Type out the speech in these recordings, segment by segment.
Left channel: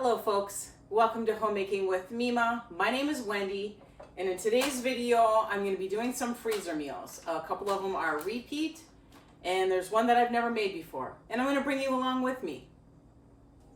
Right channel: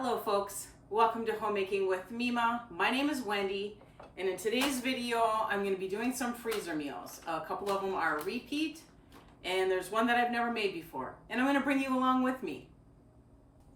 Hello folks, welcome to Homemaking with Mima. My name is Wendy, and in today's video I'm going to be doing some freezer meals. A couple of them are repeat, and there's one that I've never made before, and I'm going to bring you along with me.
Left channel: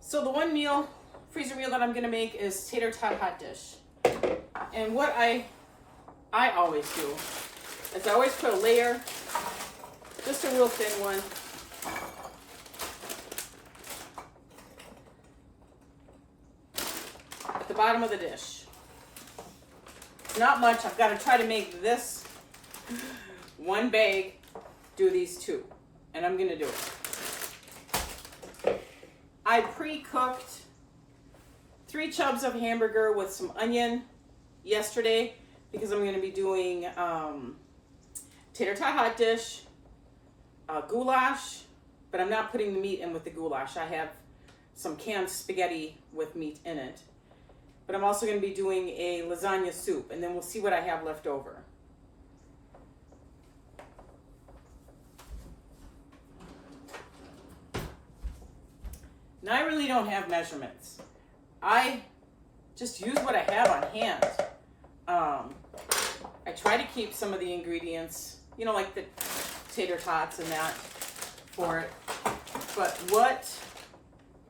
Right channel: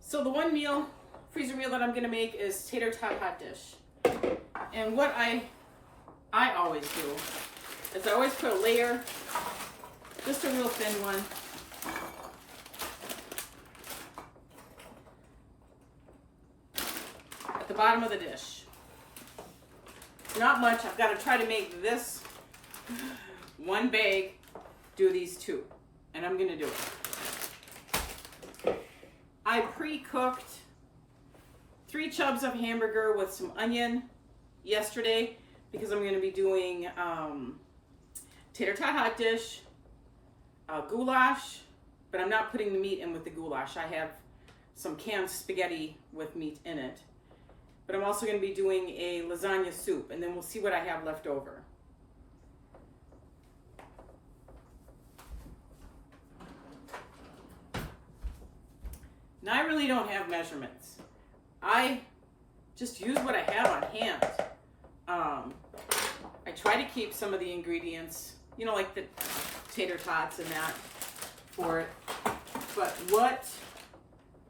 So the one freezer meal that I'm going to make is tater tot hot dish. And what I always do is I always put a layer, just a real thin one, the bottom of the dish. Not much. I've got to try to make this one bag do these two, and I'm going to do it. I pre-cooked 3 chubs of hamburger with some onion yesterday because I'm going to be doing tater tot hot dish, goulash, but I'm not putting the meat in with the goulash. I have some canned spaghetti with meat in it. But I'm also going to be doing a lasagna soup, and then we'll see what I have left over. Now, I really don't have measurements. I just use what I have on hand. I try to keep some of the ingredients, you know, like the tater tots and that for it. But what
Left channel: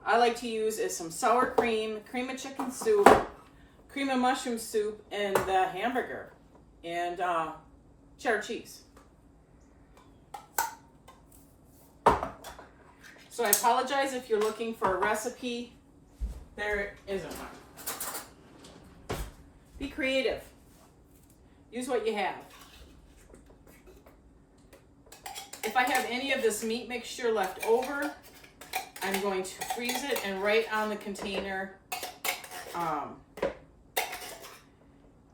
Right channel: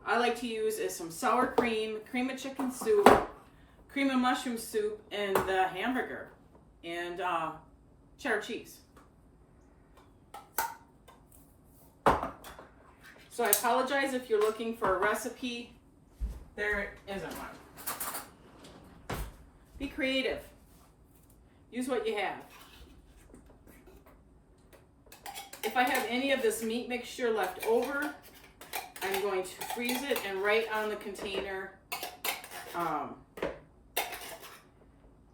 I like to use is some sour cream, cream of chicken soup, cream of mushroom soup, and the hamburger, and cheddar cheese. So I apologize if you're looking for a recipe. There isn't one. Be creative. Use what you have. If I have any of this meat mixture left over, I'm going to freeze it and write on the container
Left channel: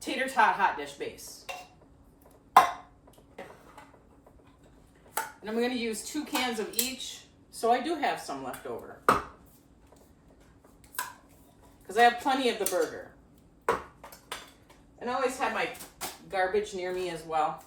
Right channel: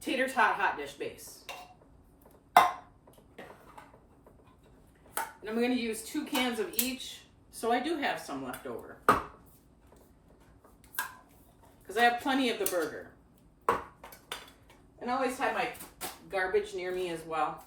tater tot hot dish base. And I'm going to use 2 cans of each, so I do have some left over. Because I have plenty of the burger. And I always have my garbage near me as well.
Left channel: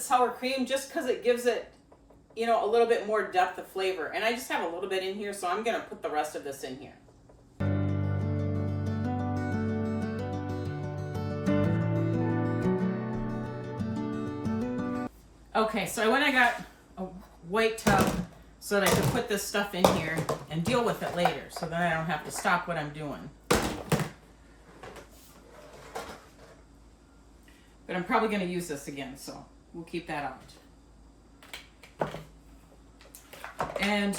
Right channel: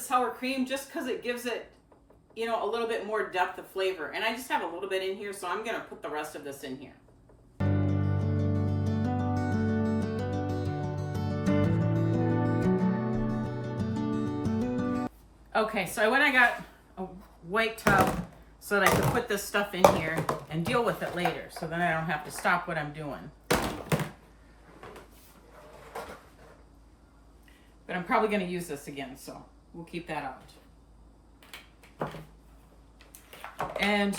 Sour cream just because it gives it, you know, a little bit more depth of flavor, and I just have a little bit in here, so I'm gonna put the rest of this in here. Okay, so I went and got a white tub so that I could put this stuff in here and deal with it later, so then I don't have to stop what I'm doing. But I'm probably going to use this again, so we'll keep that out. And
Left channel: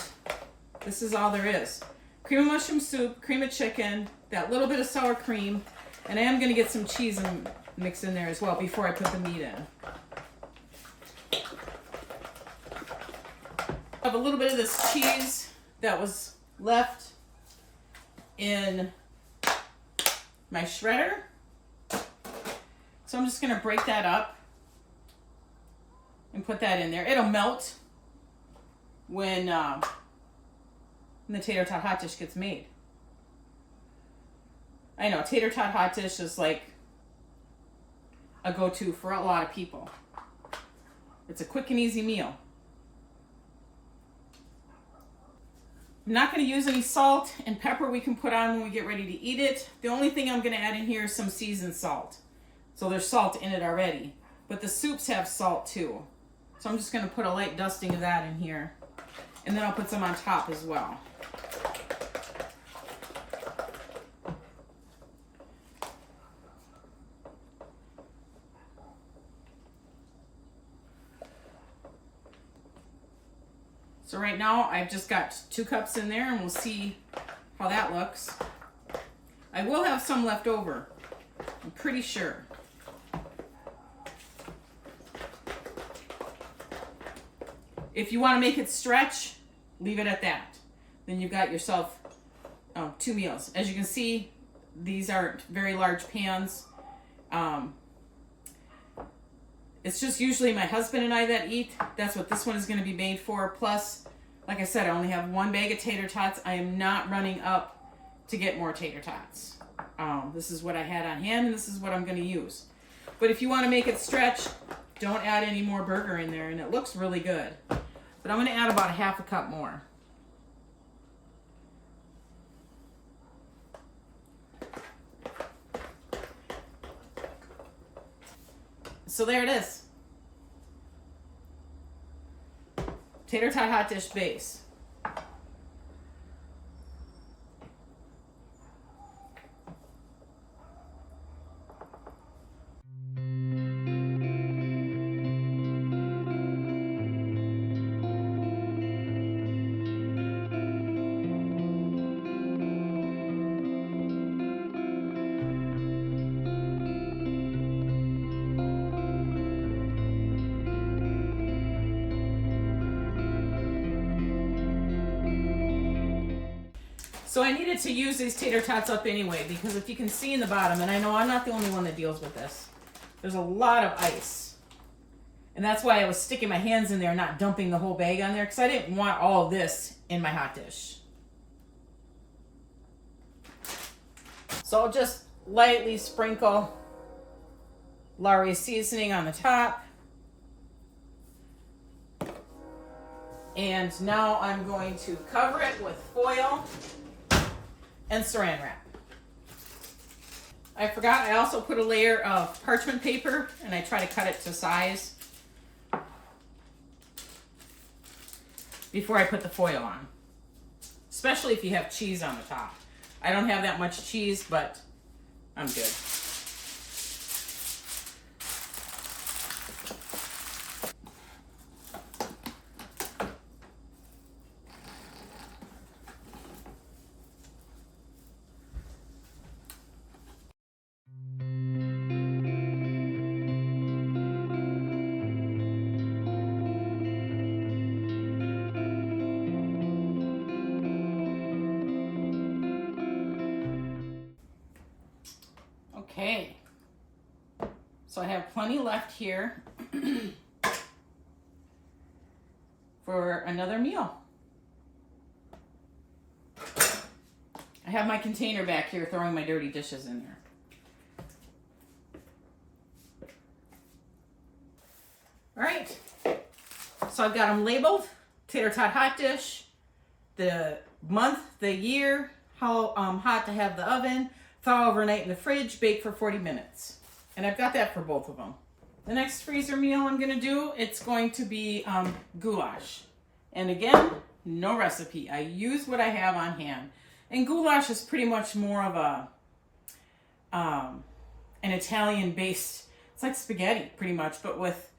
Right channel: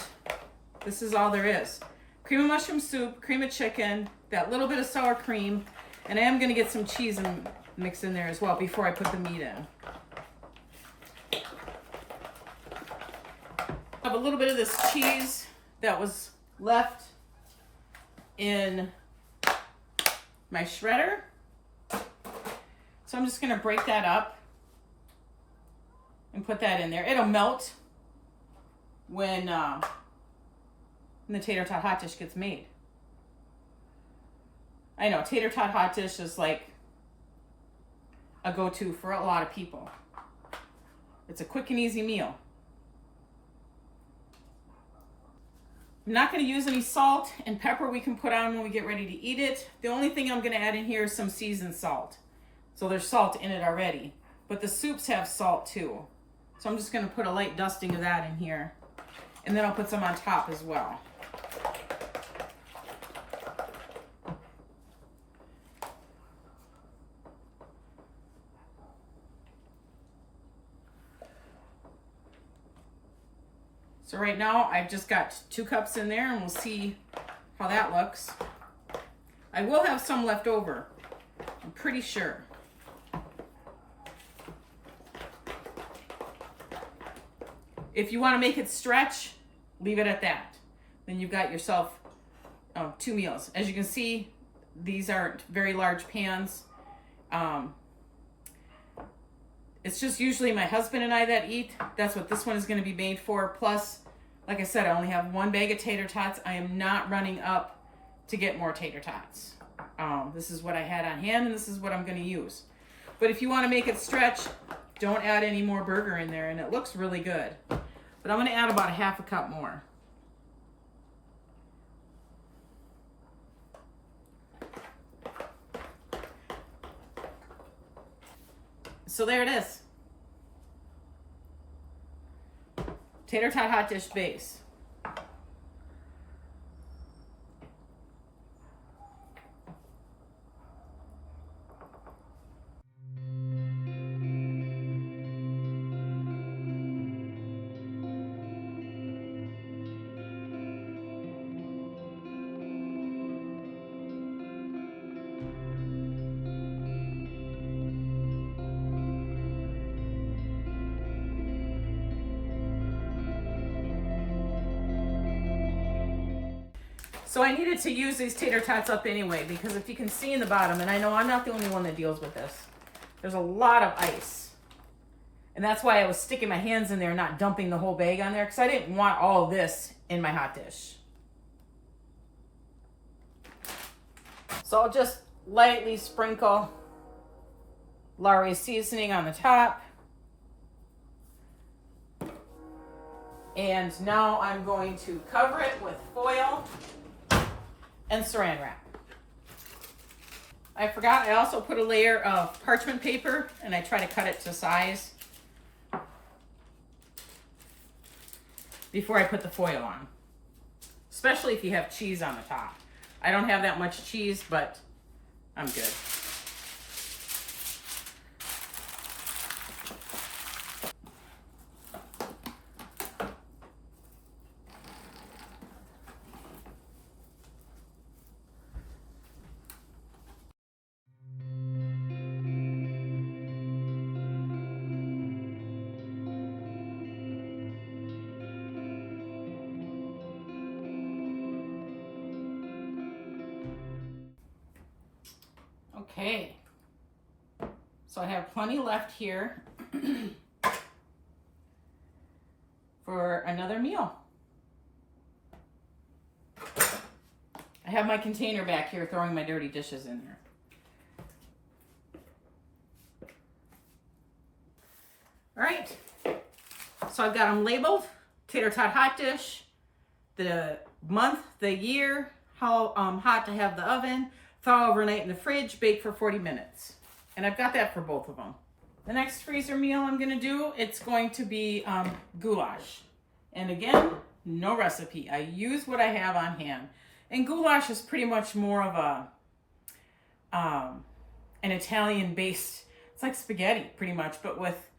this is all there is. Cream of mushroom soup, cream of chicken, that little bit of sour cream, and I am going to get some cheese and mix in there as well before I put the meat in. I have a little bit of this cheese that was left in my shredder. So I'm just going to break that up and put that in there. It'll melt when the tater tot hot dish gets made. I know tater tot hot dish is like a go-to for a lot of people. It's a quick and easy meal. I'm not going to use any salt and pepper we can put on when we get ready to eat it. The only thing I'm going to add in here is some seasoned salt. So there's salt in it already, but the soups have salt too. So I'm just going to put a light dusting of that in here, and then I'll put some on top as well. So right now I've just got 2 cups in there, and we'll see how that looks. I will have some left over, I'm pretty sure. If you want to make it stretch, leave it at that. Then you've got yourself 2 meals. As you can see, these aren't very large pans. It's just usually my husband and I that eat. That's what this one is going to be made for, plus Like I said, I only have one bag of tater tots. I am not running up to get more tater tots. This is what I had on hand, and this is what I'm going to use. But if you want to make it stretch, don't add any more burger in there, and it looks really good. But I'm going to add about a half a cup more. So there it is. Tater tot hot dish base. So I needed to use these tater tots up anyway, because if you can see in the bottom, and I know I'm not the only one that deals with this, there's a lot of ice. And that's why I was sticking my hands in there, not dumping the whole bag on there, because I didn't want all of this in my hot dish. So I'll just lightly sprinkle Lawry's seasoning on the top. And now I'm going to cover it with foil and saran wrap. I forgot I also put a layer of parchment paper, and I try to cut it to size before I put the foil on, especially if you have cheese on the top. I don't have that much cheese, but I'm good. Okay, so I have plenty left here for another meal. I have my container back here throwing my dirty dishes in there. All right, so I've got them labeled: tater tot hot dish, the month, the year, how hot to have the oven, thaw overnight in the fridge, bake for 40 minutes. And I've got that for both of them. The next freezer meal I'm gonna do, it's going to be goulash. And again, no recipe. I use what I have on hand. And goulash is pretty much more of a an Italian-based, it's like spaghetti pretty much, but with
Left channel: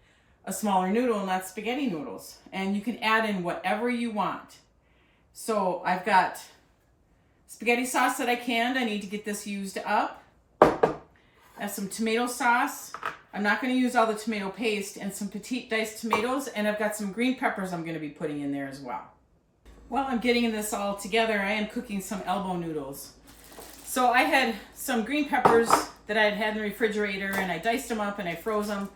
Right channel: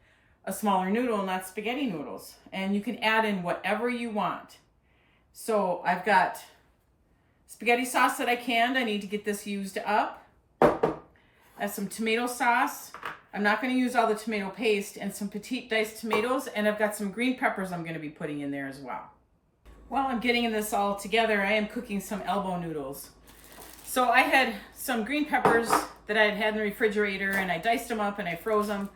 a smaller noodle, not spaghetti noodles. And you can add in whatever you want. So I've got spaghetti sauce that I canned. I need to get this used up. I have some tomato sauce. I'm not going to use all the tomato paste, and some petite diced tomatoes, and I've got some green peppers I'm going to be putting in there as well. While I'm getting this all together, I am cooking some elbow noodles. So I had some green peppers that I had in the refrigerator, and I diced them up and I froze them.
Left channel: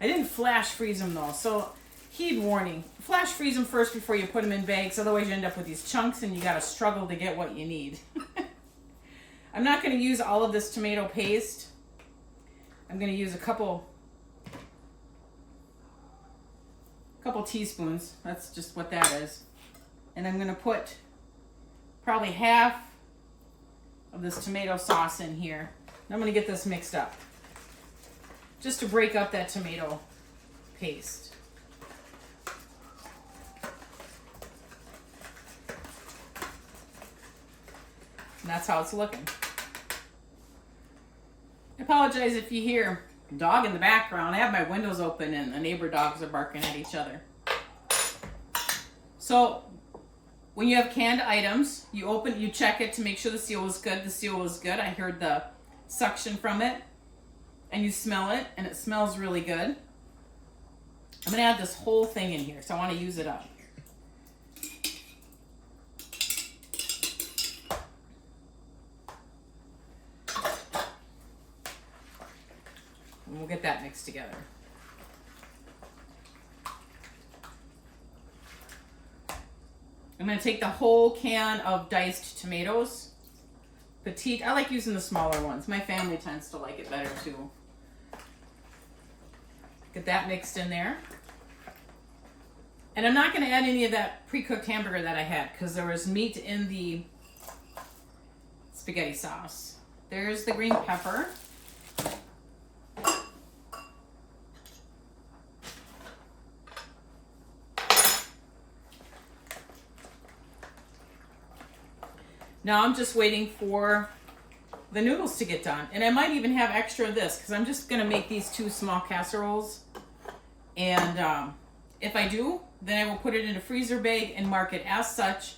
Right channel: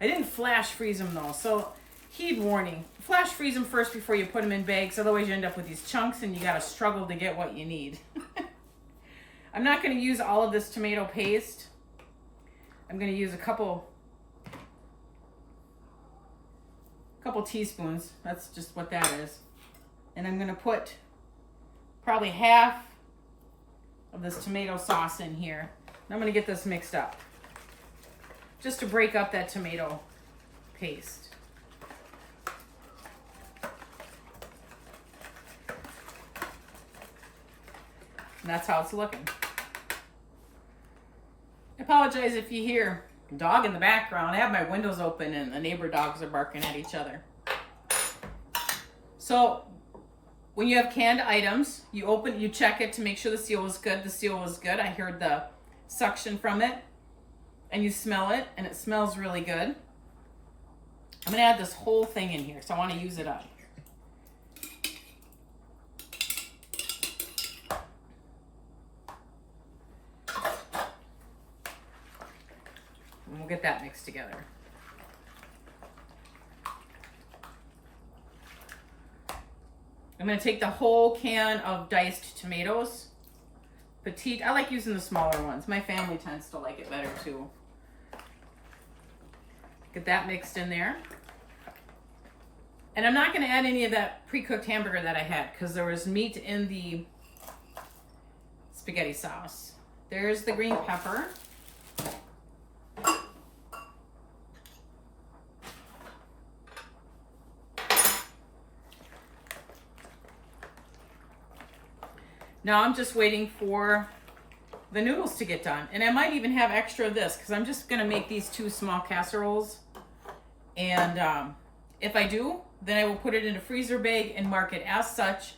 I didn't flash freeze them though, so heed warning. Flash freeze them first before you put them in bags, otherwise you end up with these chunks and you gotta struggle to get what you need. I'm not gonna use all of this tomato paste. I'm gonna use a couple teaspoons. That's just what that is. And I'm gonna put probably half of this tomato sauce in here. And I'm gonna get this mixed up, just to break up that tomato paste. And that's how it's looking. I apologize if you hear a dog in the background. I have my windows open and the neighbor dogs are barking at each other. So when you have canned items, you check it to make sure the seal is good. The seal was good. I heard the suction from it, and you smell it, and it smells really good. I'm gonna add this whole thing in here, so I want to use it up. And we'll get that mixed together. I'm going to take the whole can of diced tomatoes. Petite. I like using the smaller ones. My family tends to like it better too. Get that mixed in there. And I'm not going to add any of that pre-cooked hamburger that I had because there was meat in the spaghetti sauce. There's the green pepper. Now I'm just waiting for the noodles to get done. And I might even have extra of this because I'm just going to make these 2 small casseroles. And if I do, then I will put it in a freezer bag and mark it as such,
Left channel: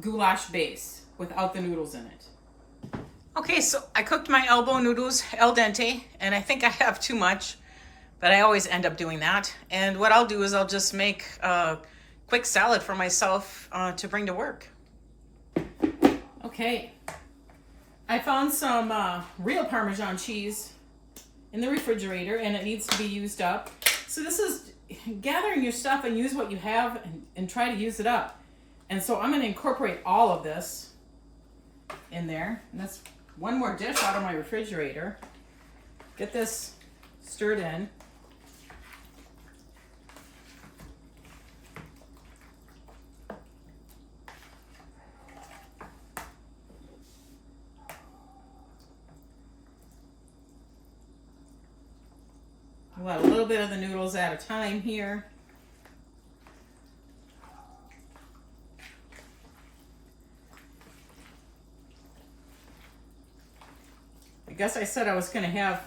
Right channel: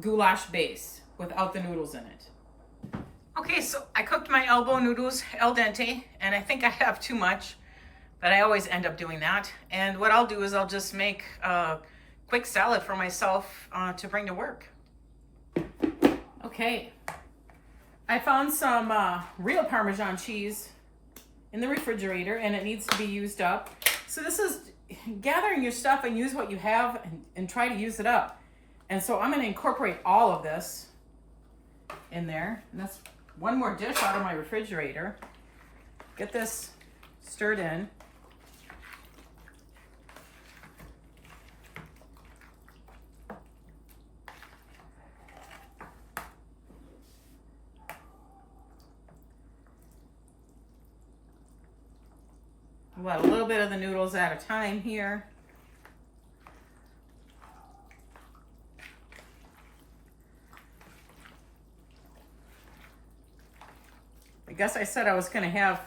goulash base, without the noodles in it. Okay, so I cooked my elbow noodles al dente, and I think I have too much, but I always end up doing that. And what I'll do is I'll just make a quick salad for myself to bring to work. Okay, I found some real Parmesan cheese in the refrigerator, and it needs to be used up. So this is gathering your stuff and use what you have and try to use it up. And so I'm going to incorporate all of this in there. And that's one more dish out of my refrigerator. Get this stirred in. I'll add a little bit of the noodles at a time here. I guess I said I was going to have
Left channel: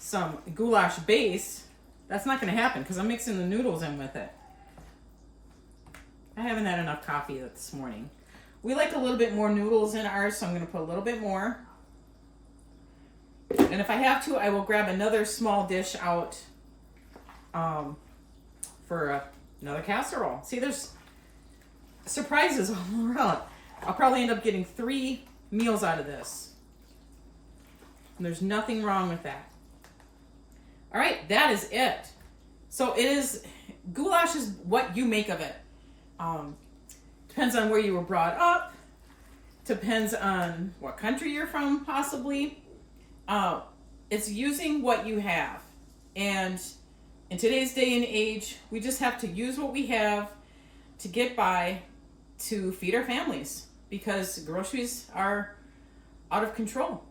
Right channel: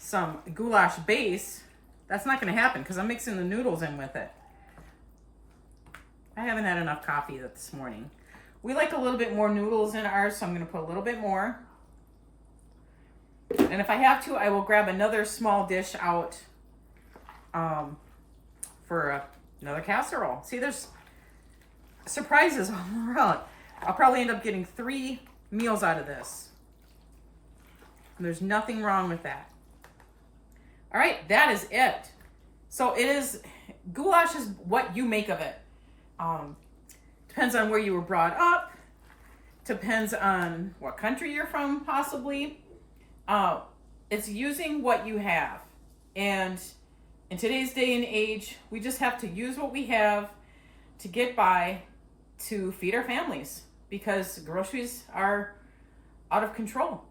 some goulash base. That's not going to happen because I'm mixing the noodles in with it. I haven't had enough coffee this morning. We like a little bit more noodles in ours, so I'm going to put a little bit more. And if I have to, I will grab another small dish out for another casserole. See, there's surprises all around. I'll probably end up getting 3 meals out of this. And there's nothing wrong with that. All right, that is it. So it is, goulash is what you make of it. Depends on where you were brought up. Depends on what country you're from, possibly. It's using what you have. And in today's day and age, we just have to use what we have to get by to feed our families because groceries are out of control.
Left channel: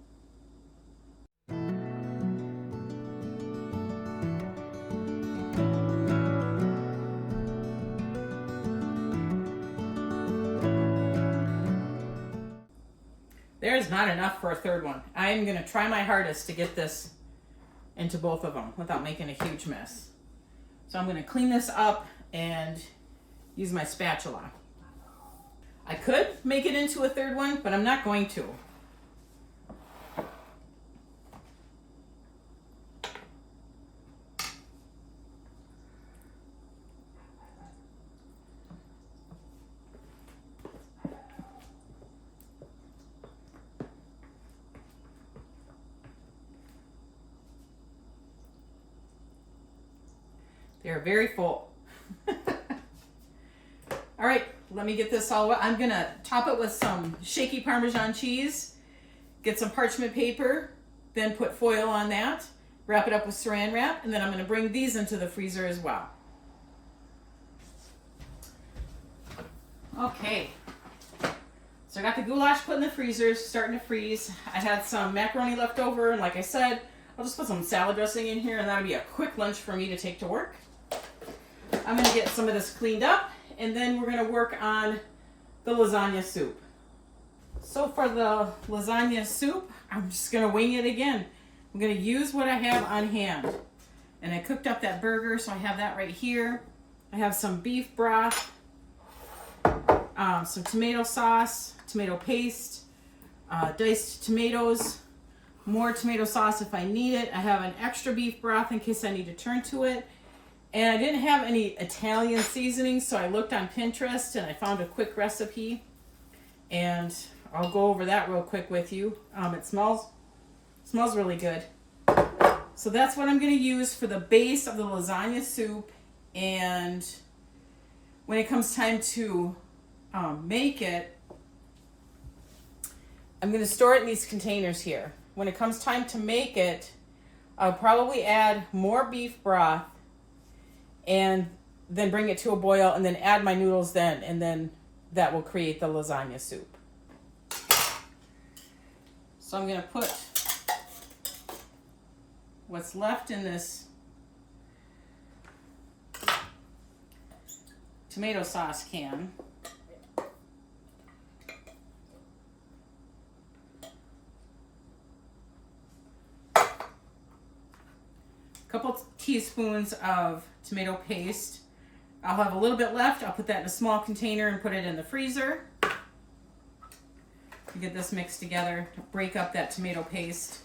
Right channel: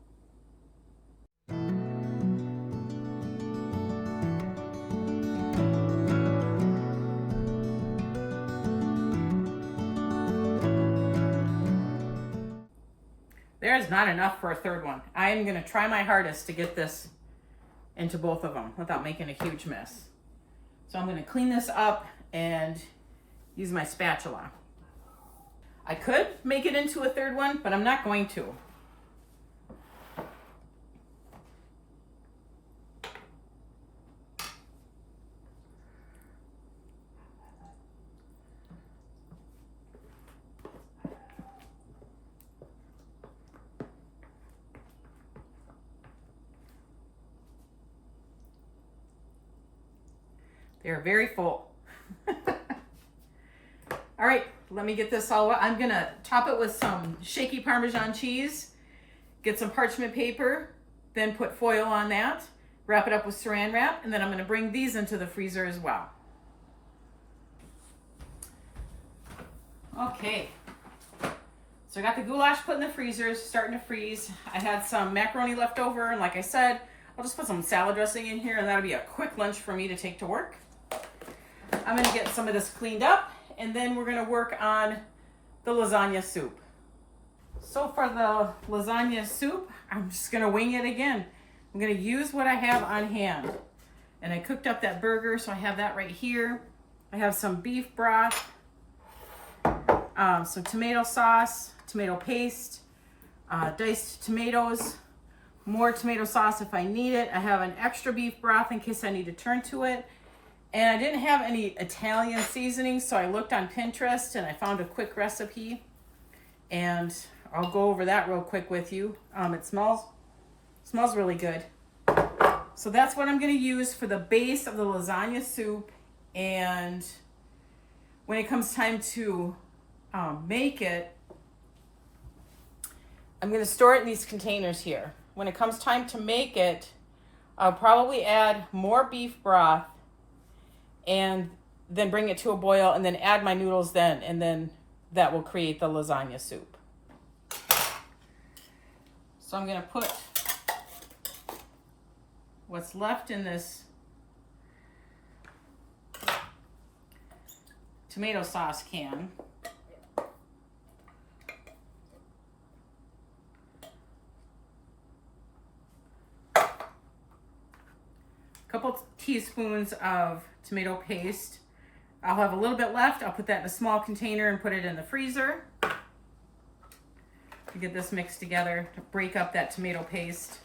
There's not enough for a third one. I'm going to try my hardest to get this into both of them without making a huge mess. So I'm going to clean this up and use my spatula. I could make it into a third one, but I'm not going to. They're very full. All right, let me get this all wet. I'm gonna top it with some shaky Parmesan cheese, get some parchment paper, then put foil on that, wrap it up with saran wrap, and then I'm gonna bring these into the freezer as well. Okay, so I got the goulash put in the freezer, starting to freeze. I had some macaroni left over, and like I said, I'll just put some salad dressing in here, and that'll be a quick lunch for me to take to work. I'm going to get some of this cleaned up, and then we're going to work on the lasagna soup. So for the lasagna soup, I'm just going to wing it again. I'm going to use what I have on hand. And I cooked up that burger, so I have that right here. I have some beef broth, some tomato sauce, tomato paste, diced tomatoes, more tomato sauce if I need it. I have an extra beef broth in case I need to turn to it. And I didn't have any Italian seasoning, so I looked on Pinterest and I found a quick recipe. And I'll go over that real quick with you. It smells really good. So that's what I'm going to use for the base of the lasagna soup. And when it comes time to make it, I'm going to store it in these containers here. When it comes time to make it, I'll probably add more beef broth and then bring it to a boil and then add my noodles then, and then that will create the lasagna soup. So I'm going to put what's left in this tomato sauce can. A couple teaspoons of tomato paste. I'll have a little bit left. I'll put that in a small container and put it in the freezer to get this mixed together to break up that tomato paste.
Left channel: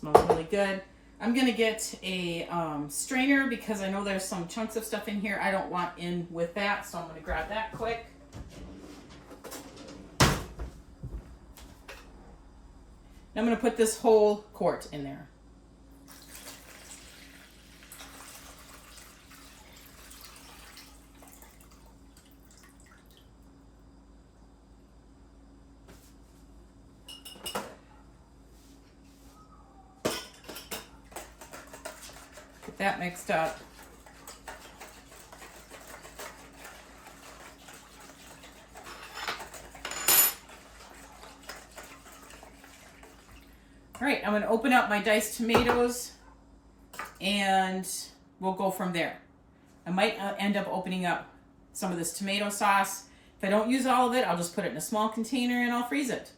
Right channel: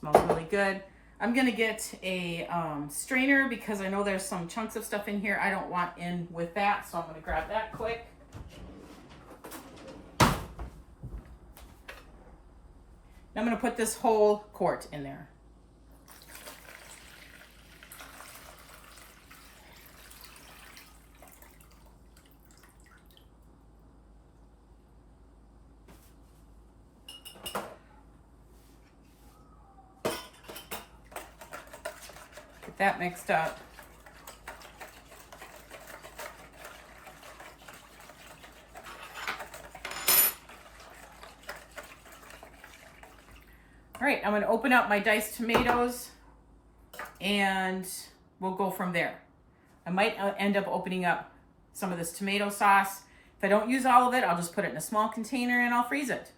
Smells really good. I'm gonna get a strainer because I know there's some chunks of stuff in here I don't want in with that, so I'm gonna grab that quick. Now I'm gonna put this whole quart in there. Get that mixed up. All right, I'm going to open up my diced tomatoes and we'll go from there. I might end up opening up some of this tomato sauce. If I don't use all of it, I'll just put it in a small container and I'll freeze it.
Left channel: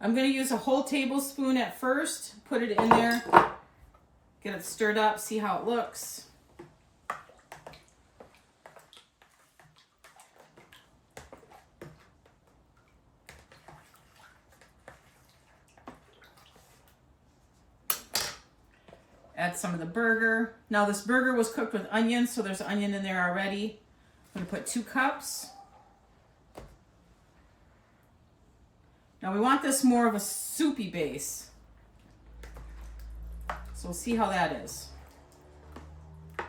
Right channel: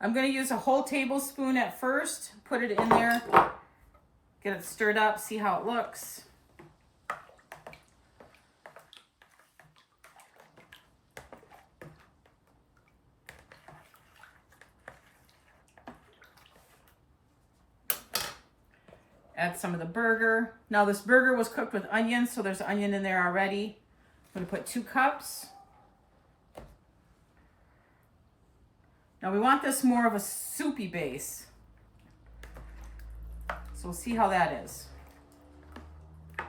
I'm going to use a whole tablespoon at first, put it in there, get it stirred up, see how it looks. Add some of the burger. Now this burger was cooked with onions, so there's onion in there already. I'm going to put 2 cups. Now we want this more of a soupy base. So we'll see how that is. I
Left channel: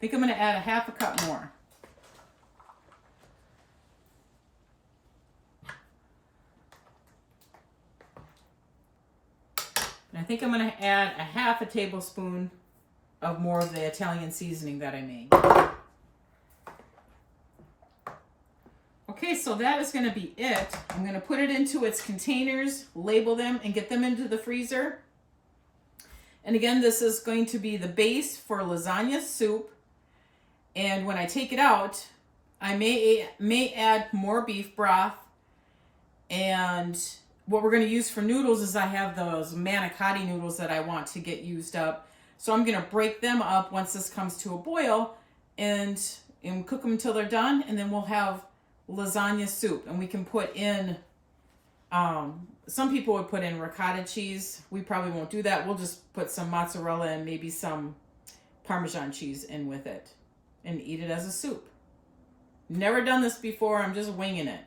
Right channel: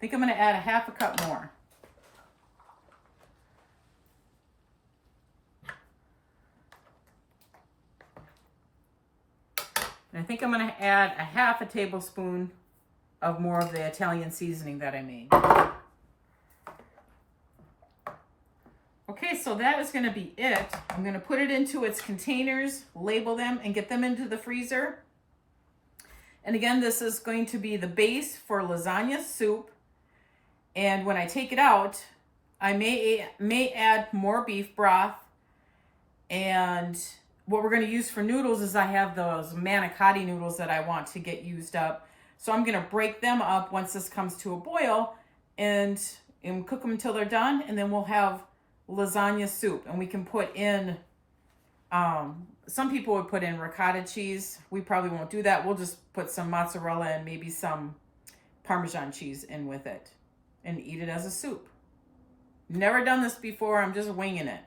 think I'm going to add a half a cup more. And I think I'm going to add a half a tablespoon of more of the Italian seasoning that I made. Okay, so that is going to be it. I'm going to put it into its containers, label them, and get them into the freezer. And again, this is going to be the base for lasagna soup. And when I take it out, I may add more beef broth. And what we're going to use for noodles is I have those manicotti noodles that I want to get used up. So I'm going to break them up once this comes to a boil and cook them until they're done. And then we'll have lasagna soup, and we can put in some people would put in ricotta cheese. We probably won't do that. We'll just put some mozzarella and maybe some Parmesan cheese in with it and eat it as a soup. Never done this before. I'm just winging it.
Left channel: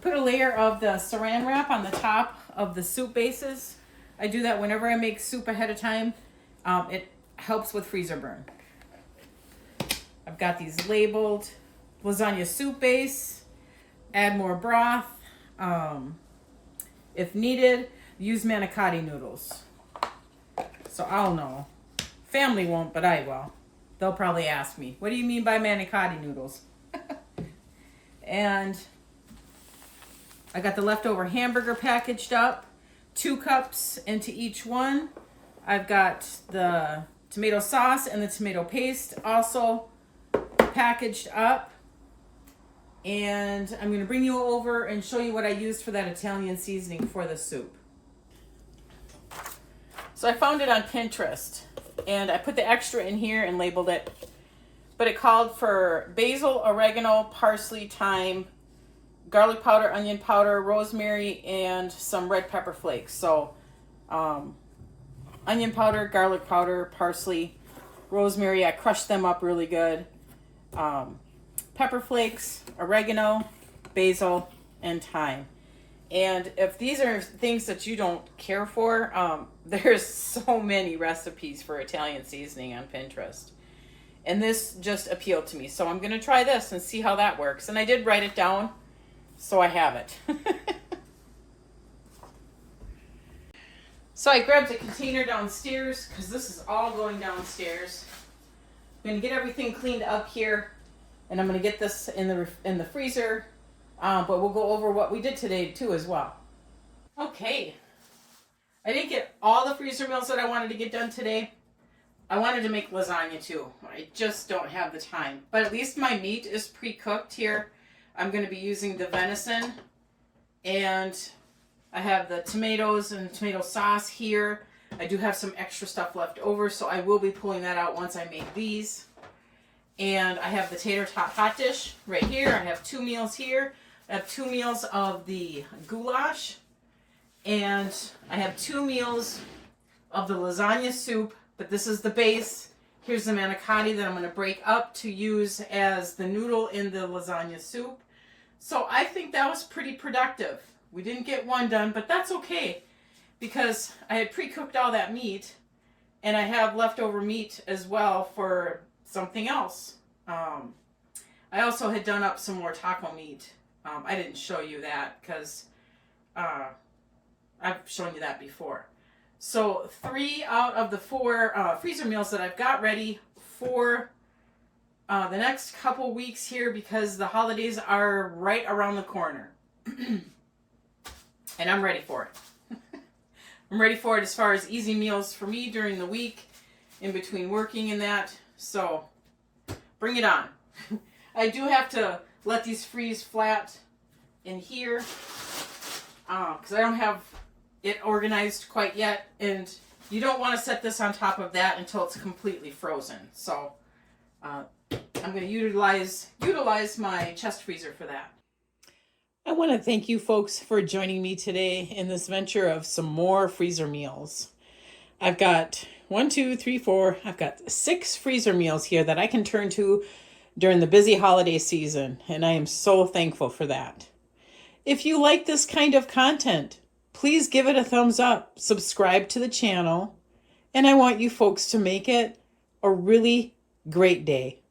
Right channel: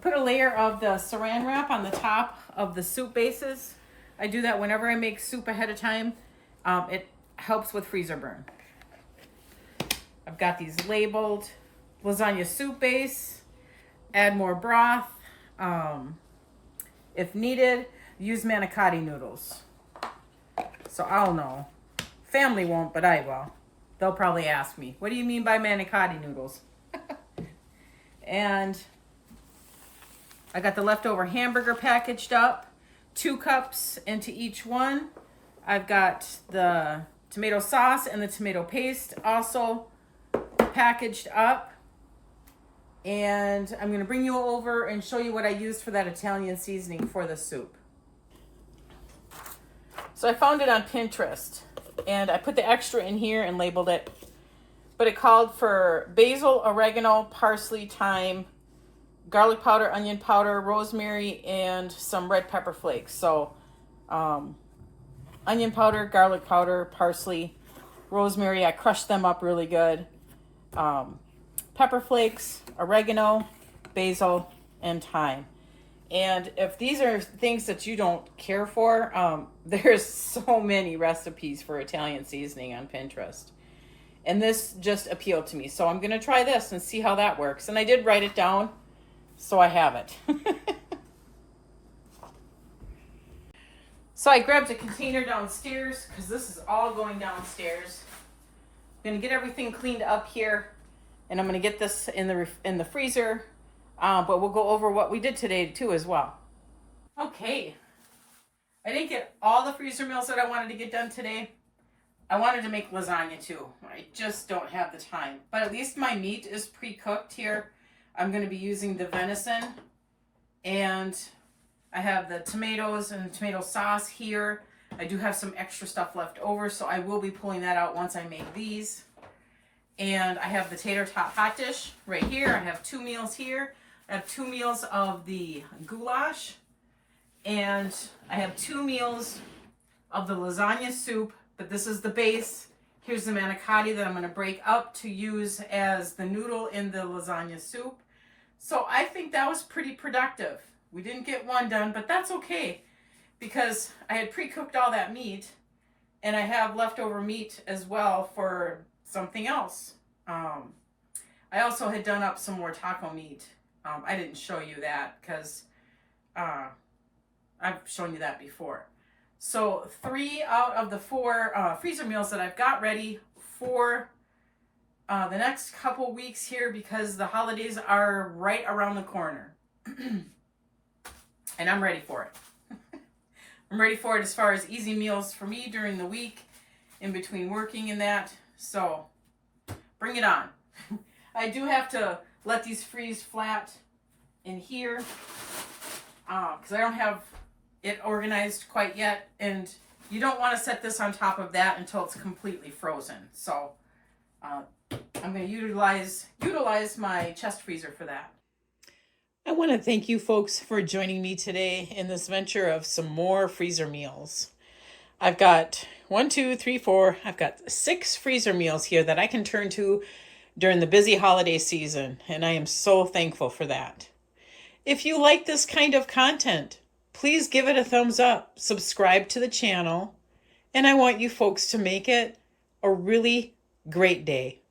Put a layer of the saran wrap on the top of the soup bases. I do that whenever I make soup ahead of time. It helps with freezer burn. I've got these labeled lasagna soup base. Add more broth. If needed, use manicotti noodles. So I'll know. Family won't, but I will. They'll probably ask me, what do you mean by manicotti noodles? And I got the leftover hamburger packaged up, 2 cups into each one. I've got the tomato sauce and the tomato paste also packaged up. And I'm gonna bring you over and show you what I used for that Italian seasoning for the soup. So I found it on Pinterest and I put the extra in here and labeled it. But it called for basil, oregano, parsley, thyme, garlic powder, onion powder, rosemary, and some red pepper flakes. So onion powder, garlic powder, parsley, rosemary, I crushed them up really good. Pepper flakes, oregano, basil, and thyme. And if these are things that you don't care for, there's so many recipes for Italian seasoning on Pinterest. And this just appealed to me. So I'm going to try this and see how that works. And I did write it down, so I have it. So I grabbed a container downstairs because this is all going downstairs. I'm going to get everything cleaned up here. And I'm going to get this in the freezer. But we'll go over what we did today too as well. Okay. I didn't get all the freezer meals that I wanted to get done today. I wanted to make lasagna too. I just don't have the time. But at least my meat is pre-cooked here. I'm going to be using the venison. And I have the tomatoes and the tomato sauce here. I do have some extra stuff left over, so I will be pulling that out once I make these. And I have the tater tot hot dish right here. I have 2 meals here. I have 2 meals of the goulash. And I have 2 meals of the lasagna soup. But this is the base. Here's the manicotti that I'm going to break up to use as the noodle in the lasagna soup. So I think that was pretty productive. We didn't get one done, but that's okay. Because I had pre-cooked all that meat. And I have leftover meat as well for something else. I also had done up some more taco meat. I didn't show you that because I've shown you that before. So 3 out of the 4 freezer meals that I've got ready for the next couple weeks here because the holidays are right around the corner. And I'm ready for it. I'm ready for it as far as easy meals for me during the week in between working and that. So bring it on. I do have to let these freeze flat in here because I don't have it organized quite yet, and you don't want to set this on top of that until it's completely frozen. So I'm going to utilize my chest freezer for that. I want to thank you folks for joining me today in this venture of some more freezer meals. I've got 1, 2, 3, 4. I've got 6 freezer meals here that I can turn to during the busy holiday season, and I am so thankful for that. If you like this kind of content, please give it a thumbs up, subscribe to the channel, and I want you folks to make it a really great day.